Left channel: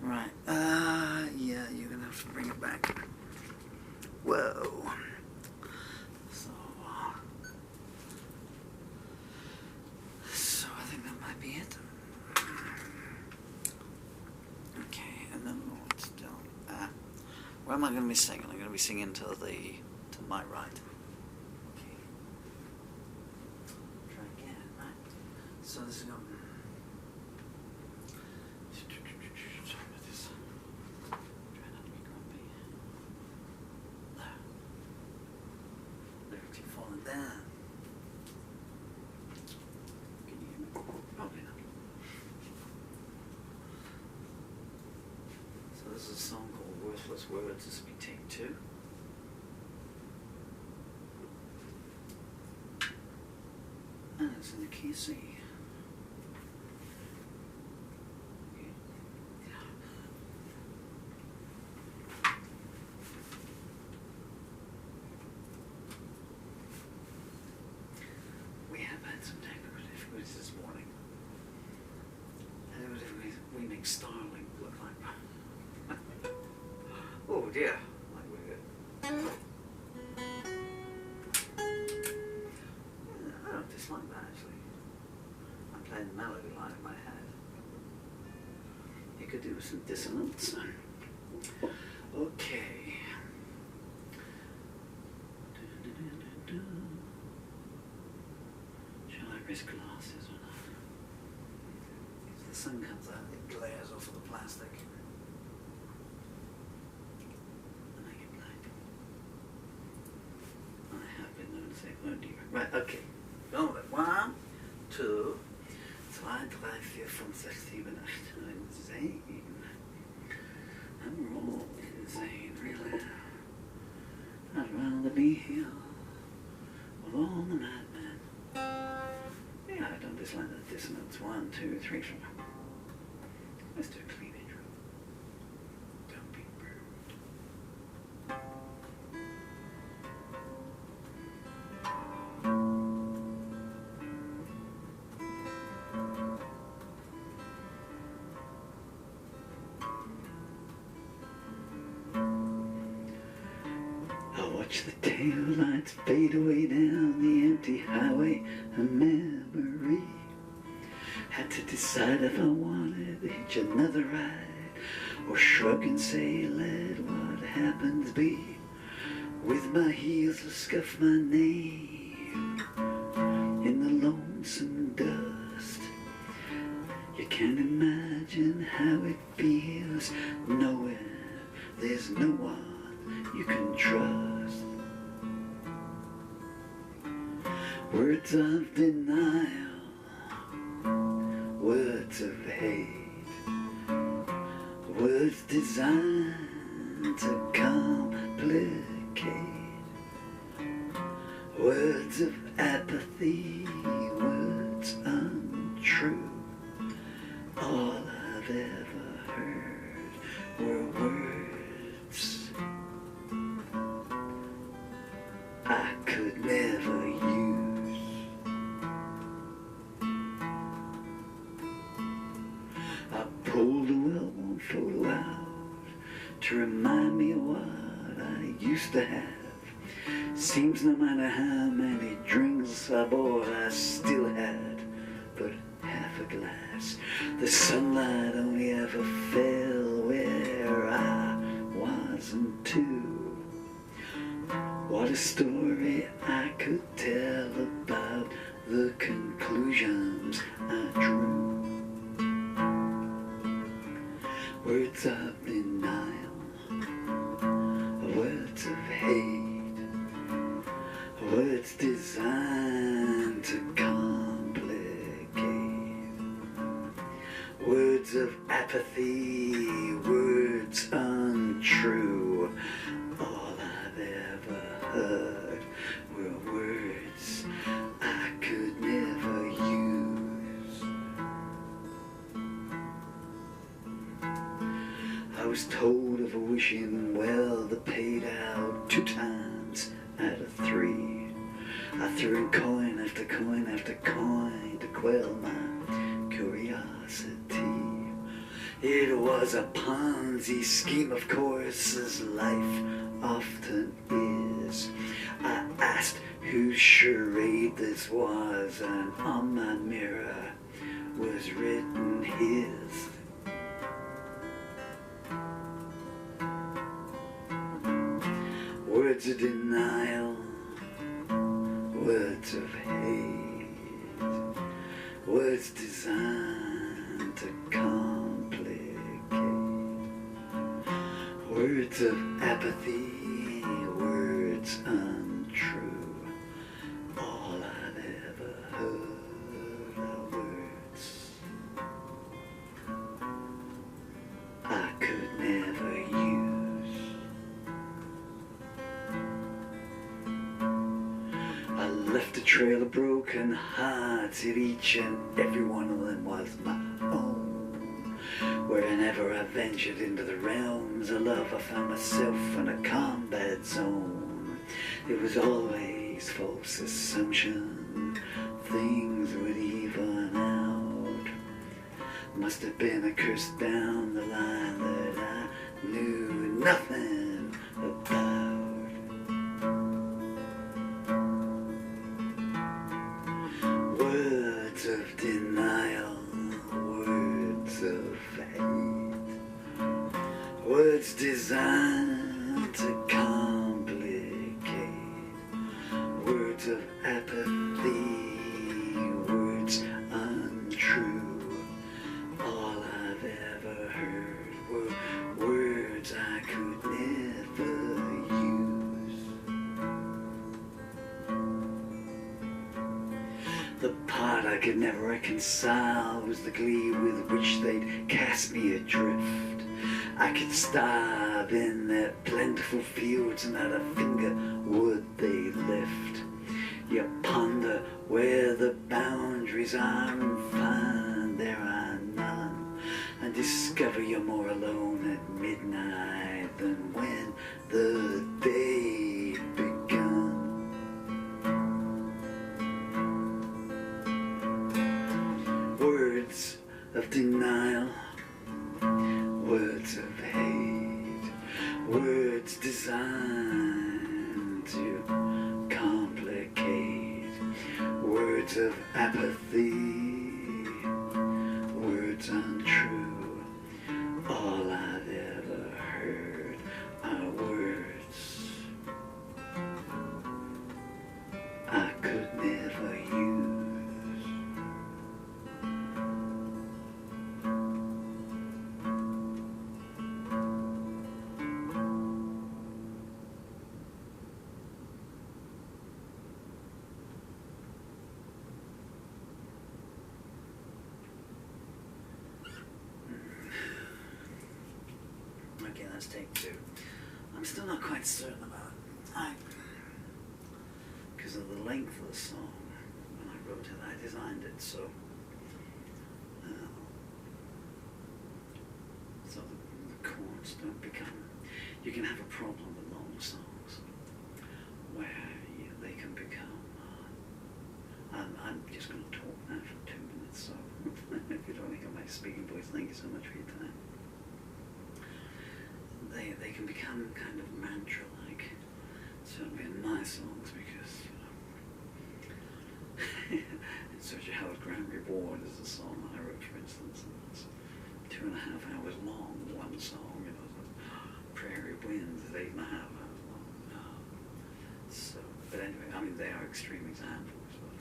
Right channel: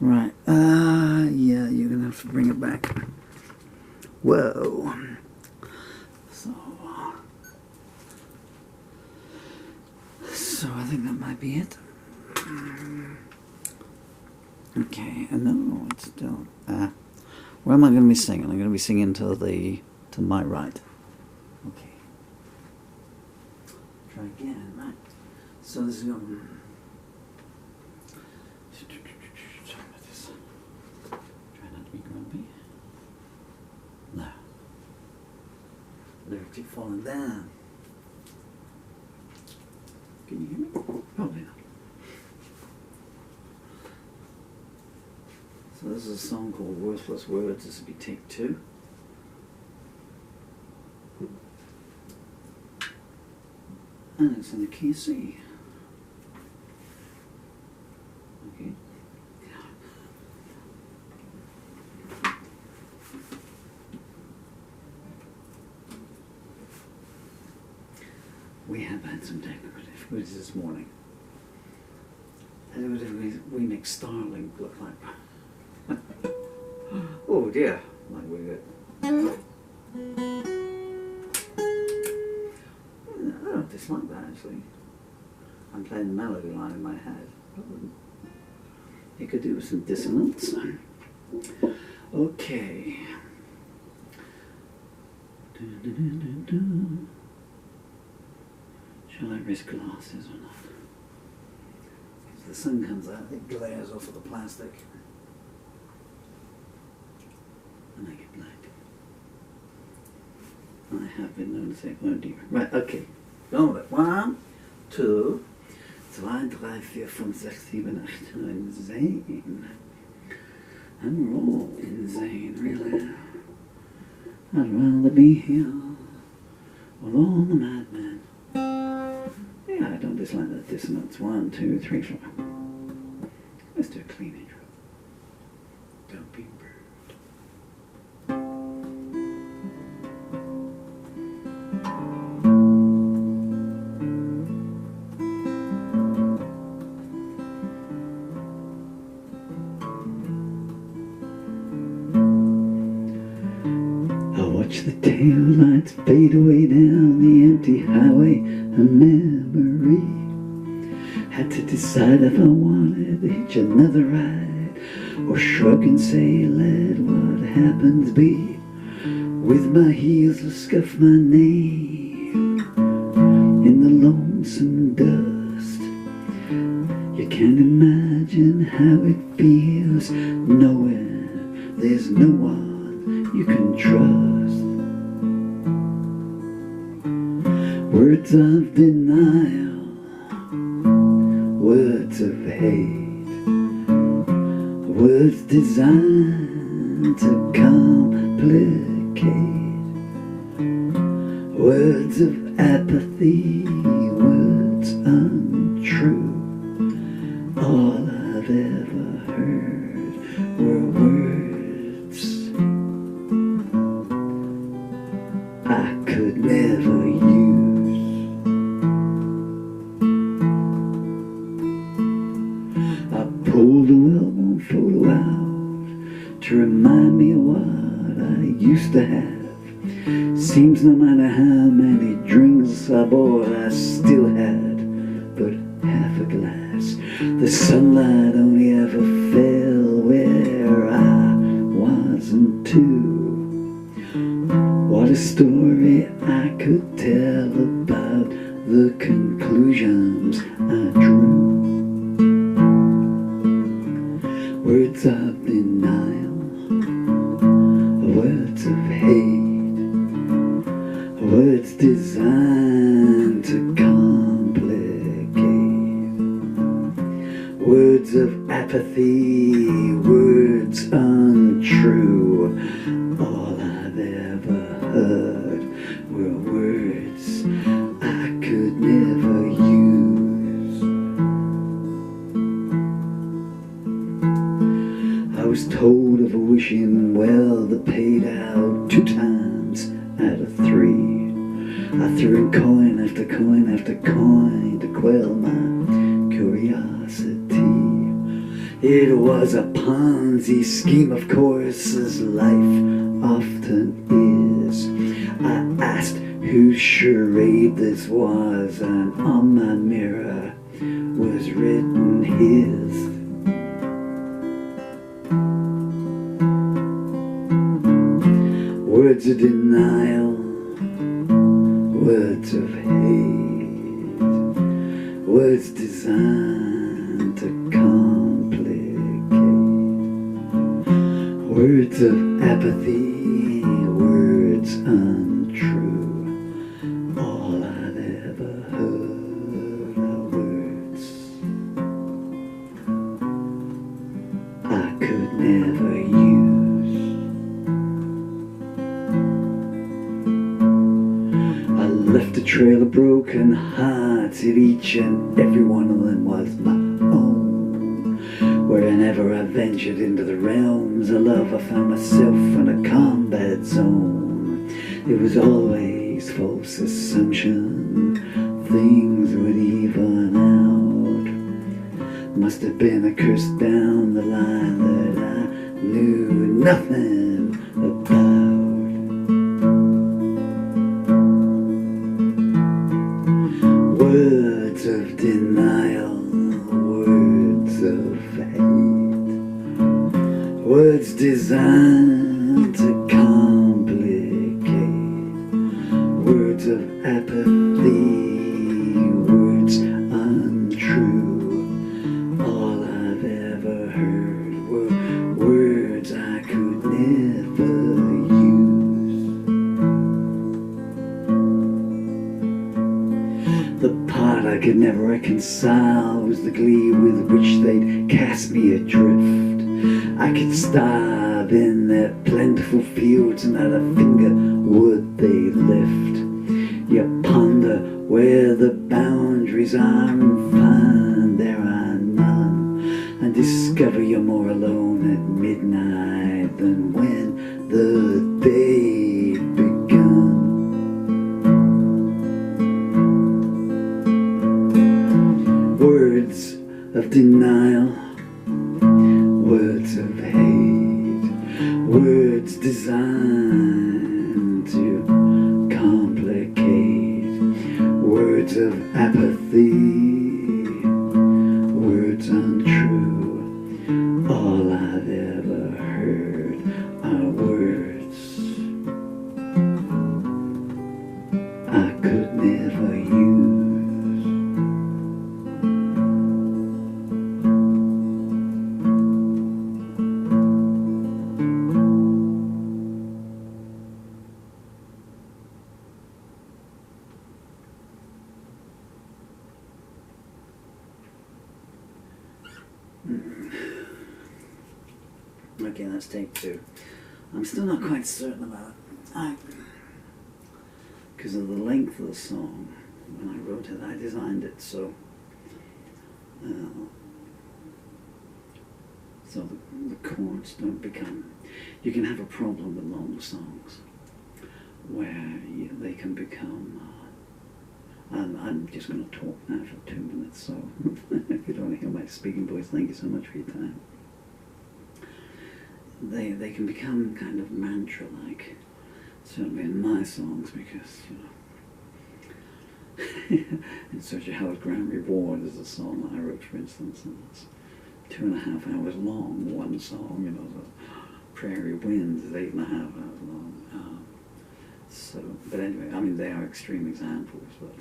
Right. Yeah, you're going to have to bring it back. Whoa. So I think that might be it. Okay, no, it's still... where am I going to be singing? I'm going to be singing to my right. Okay. Try again, right. So this is going to... Sorry about this. Try not to be grumpy. No. Lyrics keep falling down. Can you hear me? Probably not. So this is a song called Worthless Words. This will be take 2. And it's in the key C. Okay. We have had some technical difficulties this morning. We make Starlink look like... oh dear, like we're good. I don't dislike that actually. I'm playing the melody line in my head. It could do with some dissonance. Okay. Shall I risk glasses or not? Because the sun comes out, it glares off of the plastic. And I get blind. I have been known to say, oh dear. Right, okay. Go with it. 1, 2, 3, 4, 5, 6, 7, 8, 9, Zane. And we're all insane, really. I'd rather be here with all the madmen. Yeah, I don't dislike that dissonance. 1, 2, 3, 4. Let's do a clean intro. Don't be rude. Watch the taillights fade away down the empty highway of memory. Had to decide if I wanted to hitch another ride or shrug and say, let what happens be. With my heels I scuff my name in the lonesome dust. You can't imagine how it feels knowing there's no one you can trust. Words of denial, words of hate, words designed to complicate, words of apathy, words untrue. All I've ever heard were words I could never use. Pulled a well-worn photo out to remind me of what I used to have. Seems no matter how many drinks I bought, I still had but half a glass. The sunlight only ever fell where I wasn't too. What a story I could tell about the conclusions I drew. Words of denial, words of hate, words designed to complicate, words of apathy, words untrue. All I've ever heard were words I could never use. I was told of a wishing well that paid out 2 times out of 3. I threw in coin after coin after coin to quell my curiosity. It was a Ponzi scheme, of course, as life often is. I asked whose charade this was, and on my mirror was written his. Words of denial, words of hate, words designed to complicate, words of apathy, words untrue. All I've ever heard are words I could never use. Left a trail of broken hearts, and each and every one of them was my own. Wherever I ventured into the realms of love, I found myself in a combat zone. It was always false assumption, things would even out. Must have been a curse down the line that I knew nothing about. Words of denial, words of hate, words designed to complicate, words of apathy, words untrue. All I've ever heard were words I could never use. The part I could never reconcile was the glee with which they'd cast me adrift. I could starve in their plentiful fields, and not a finger would they lift. You ponder where the boundaries are and find there are none, and discover you're more alone at midnight than when the day begun. Words of denial, words of hate, words designed to complicate, words of apathy, words untrue. All I've ever heard are words I could never use. Okay, let's take two. I'm still not quite certain about it. Because of the length of the song, when I wrote it, I designed it so the chords don't become. You can have a problem with long songs where they can become. I'm just going to talk now for 2 minutes, so if you don't hear my speaking voice, thank you so much for your time. They can become kind of mantra-like, certainly in my songs, because, In Search of Howard Graham Reward is a song that I wrote, for instance, and it's 2.5 hours long, one song, the Prairie Winds is 8.5 hours long. But anyway, I mean, they are extreme examples, but,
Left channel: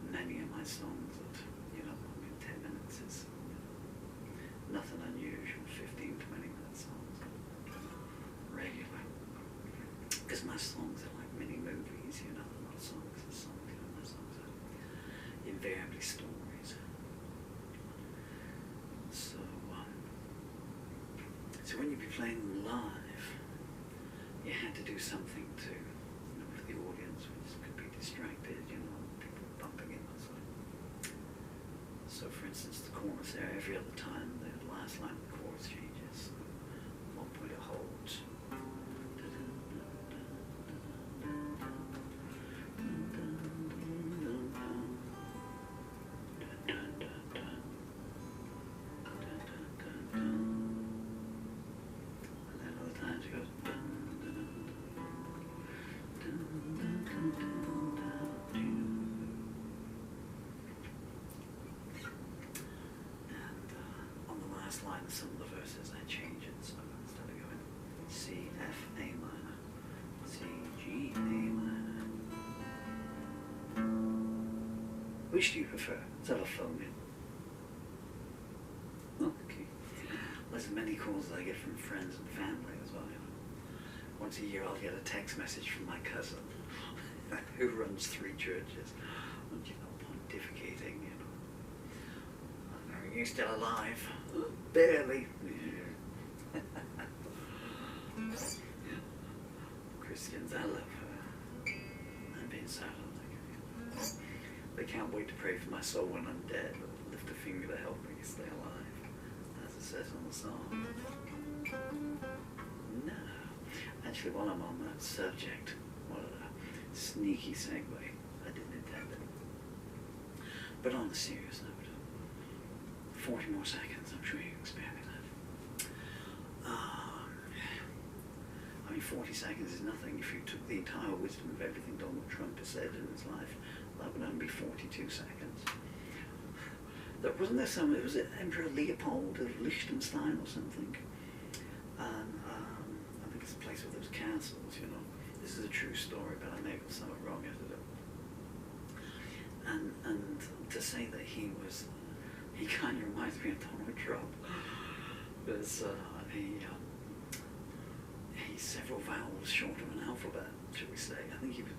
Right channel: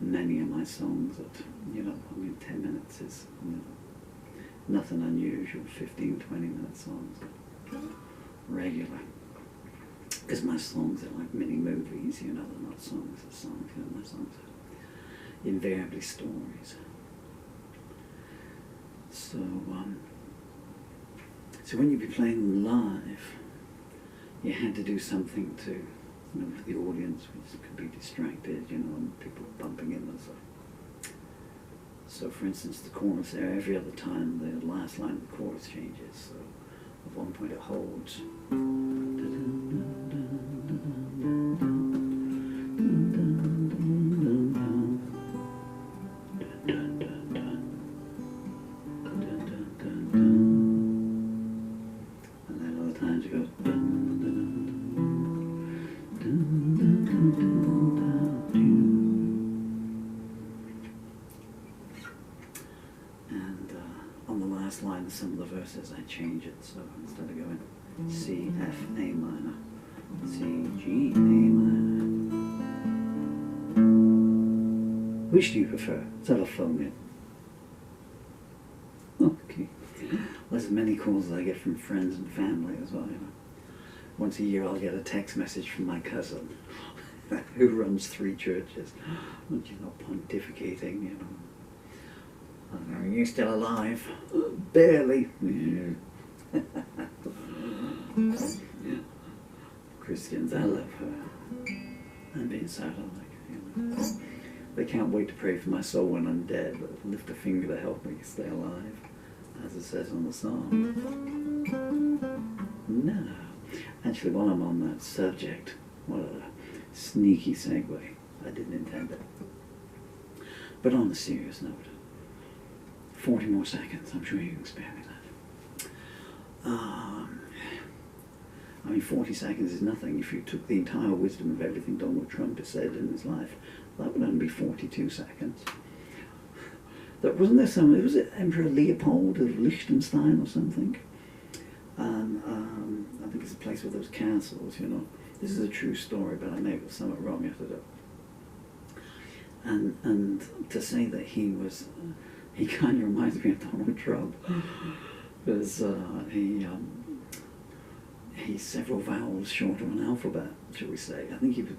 many of my songs that, 10 minutes is, nothing unusual, 15, 20-minute songs are regular. Because my songs are like mini movies, they're not songs as songs, my songs are invariably stories. So when you'd be playing them live, you had to do something to, for the audience, which could be distracted, and people bumping in and stuff. So, for instance, the chorus there, every other time the last line of the chorus changes. So, at one point it holds. last line of some of the verses, I change it. So instead of going C, F, A minor, C, G, A minor. Which do you prefer? Let's have a phone in. Okay. There's as many calls as I get from friends and family as well, you know. Once a year I'll get a text message from my cousin who runs 3 churches. And she's not pontificating, you know. Are you still alive? Barely. Yeah. Christians, I love her. I'm being sad, like, you know. They can't wait to pray for my soul when I'm dead, but lift a finger to help me stay alive, as it says on the song. No. Actually, while I'm on that subject, what a sneaky segue. I didn't intend it. But on a serious note, 40 more seconds, I'm sure you can spare me that. I mean, 40 seconds is nothing. If you took the entire wisdom of everything Donald Trump has said in his life, that would only be 42 seconds. Wasn't there some, was it Emperor Leopold of Liechtenstein or something? And I think it's a place with those castles, you know. This is a true story, but I may have got something wrong after that. And to say that he was, he kind of reminds me of Donald Trump, because he's several vowels short of an alphabet, shall we say. I think he was,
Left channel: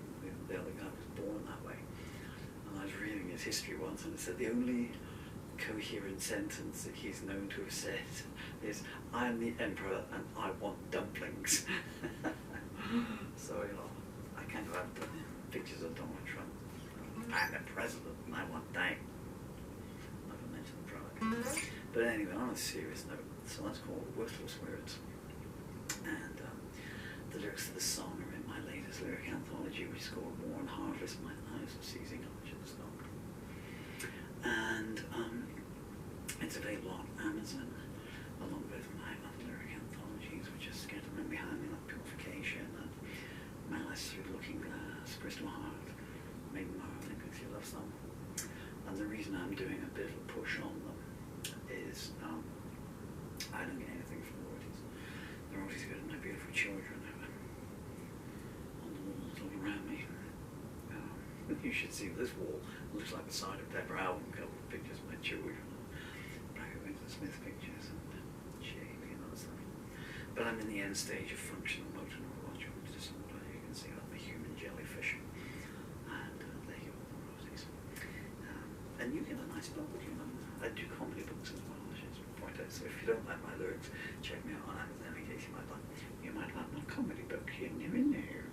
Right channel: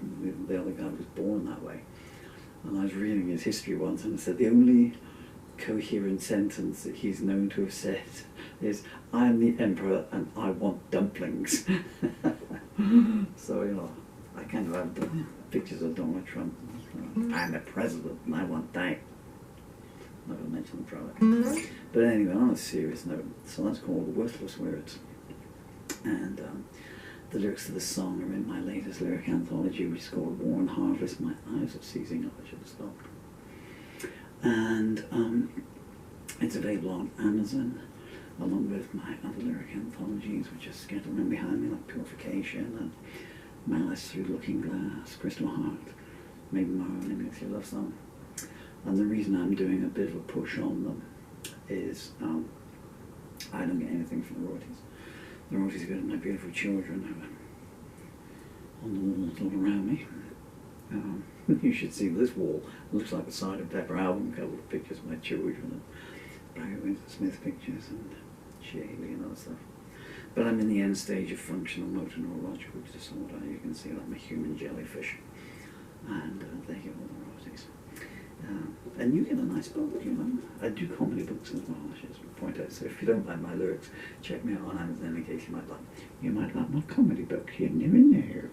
the other guy was born that way. And I was reading his history once, and it said the only coherent sentence that he's known to have said is, "I am the emperor and I want dumplings." So, you know, I kind of have the pictures of Donald Trump. I'm the president and I want that. I'm not going to mention the product. But anyway, on a serious note, so that's called Worthless Words. And the lyrics to the song are in my latest lyric anthology, which is called War and Harvest. My eyes are seizing up, I should have stopped. And it's available on Amazon, along with my other lyric anthologies, which are scattered around behind me, like Purification and Malice, Through the Looking Glass, Crystal Heart, Maybe Tomorrow, Maybe It's Your Love Song. And the reason I'm doing a bit of a push on them is I don't get anything from the royalties. The royalties go to my beautiful children who are on the walls all around me. You should see this wall. It looks like the Side of Pepper album cover with pictures of my children and Barry Windsor Smith pictures and Shaley and other stuff. But I'm in the end stage of functional motor neurological disorder. You can see that I'm a human jellyfish. And they get all the royalties. And you get a nice book, you know. I do comedy books as well, I should point out. So if you don't like my lyrics, check me out on Amazon in case you might like my comedy book. You never know.